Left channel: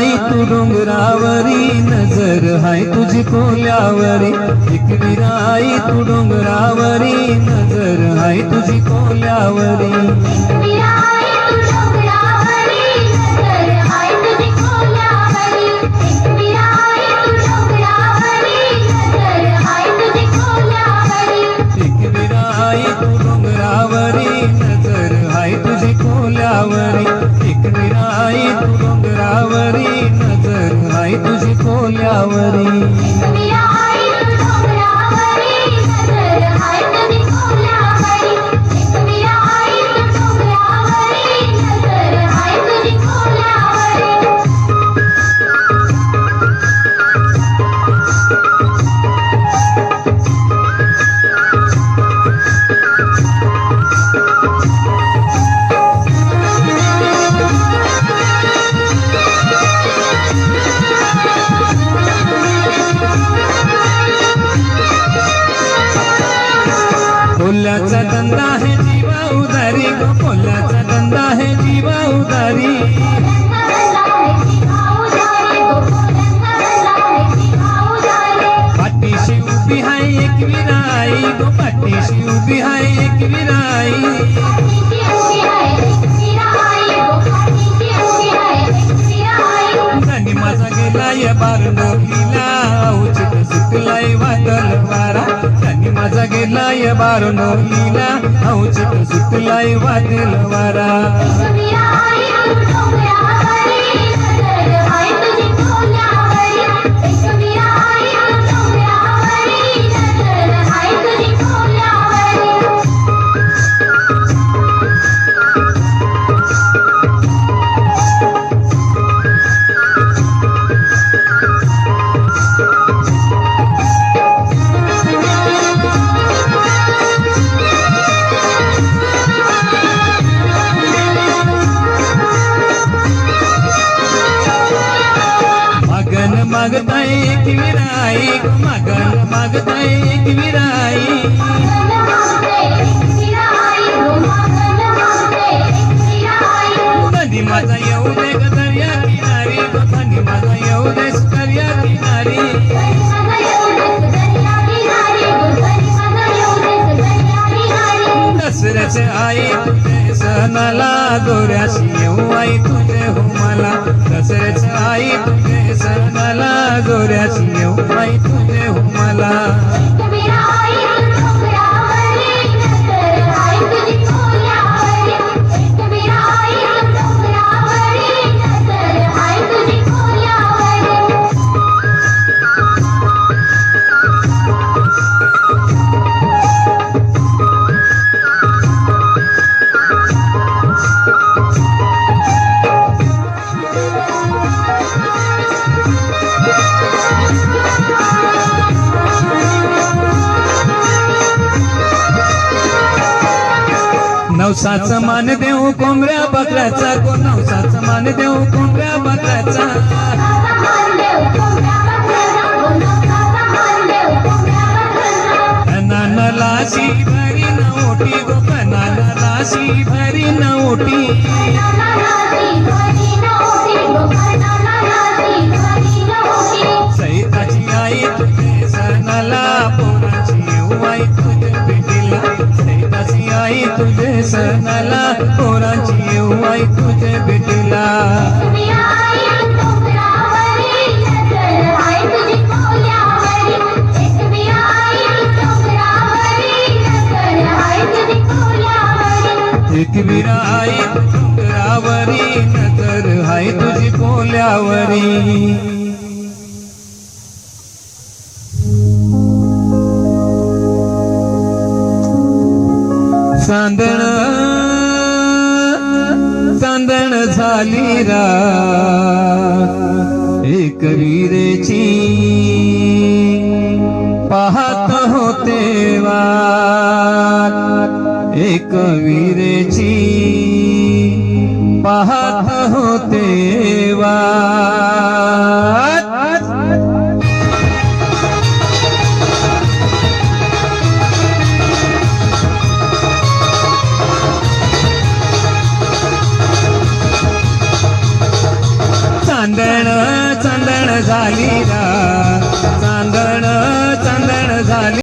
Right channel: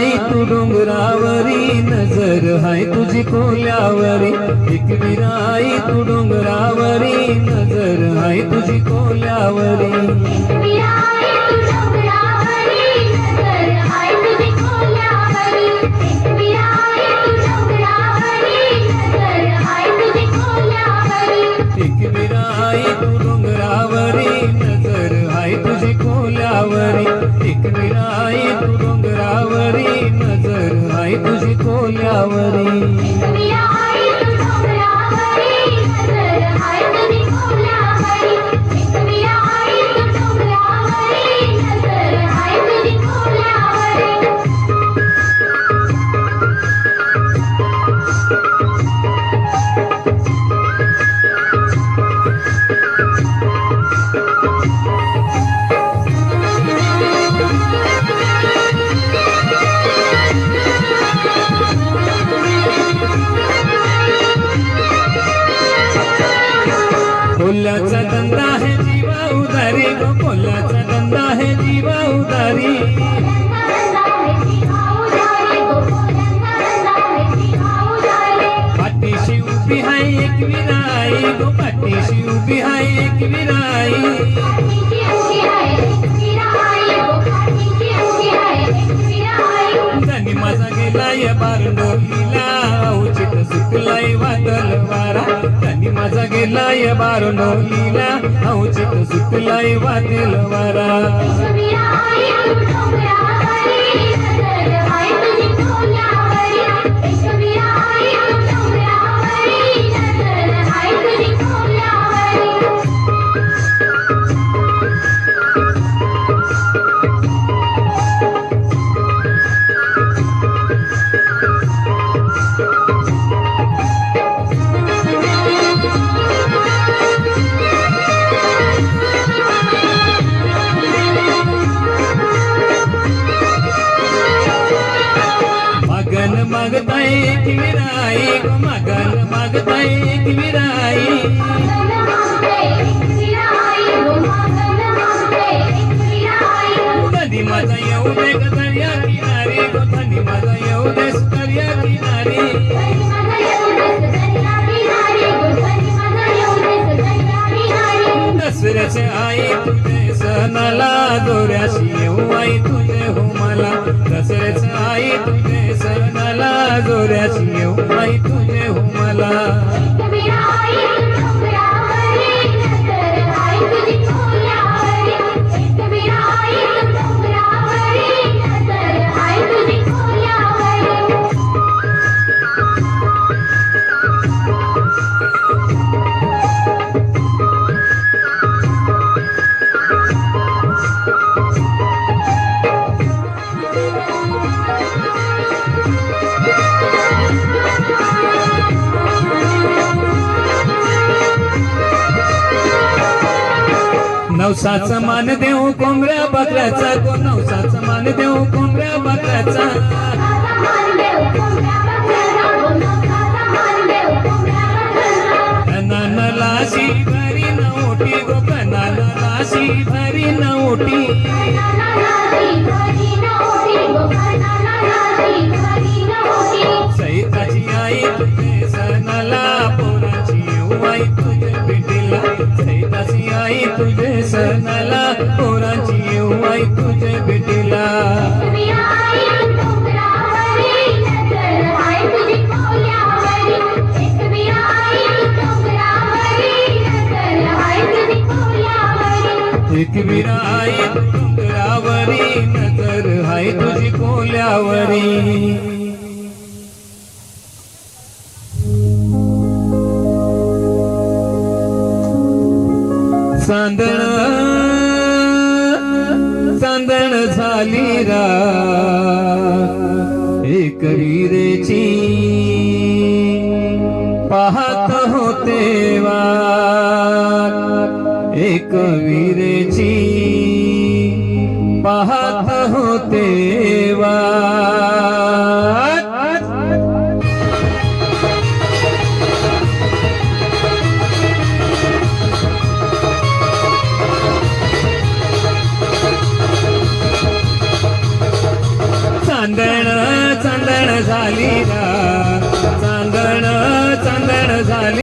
विराई तू डोंगरावरी नजर हाय तुझी कोल्यावरी. एक विराई तू डोंगरावरी नजर हाय तुझी कोल्यावरी. विराई तू कोल्यावरी कोल्याचा धंदा आहे जीवा उदारी गो धंदा आहे जीवा उदारी. पाठीशी उभी आहे एक विराई पाठीशी उभी आहे एक विराई. धनी माझा गेलाय बारडोलीला उचित सुटलाय वादल वारा. मगन मागताय एक विराई गो कधी माझा येऊ दे दर्या किनारी कधी माझा येऊ दे दर्या किनारी. दसऱ्याचे आई तुझे सणाला दोऱ्याशी येऊ आई तुझे हो मला. दसऱ्याचे तुझे सणाला दोऱ्याशी येऊ आई तुझे हो नवसाचा मान देऊ कोंबऱ्या बकऱ्याचा. को नवसाचा मान देऊ कोंबऱ्या बकऱ्याचा. कनाना लाशी भरी नवटी गो कनाना लाशी भरी नवटी. एक विरा आई डोंगरावरी नजर हाय तुझी कोल्यावरी. चांदण चांदण झाली रा. एक विरेची पाहत होते वा. एक वीर Lira.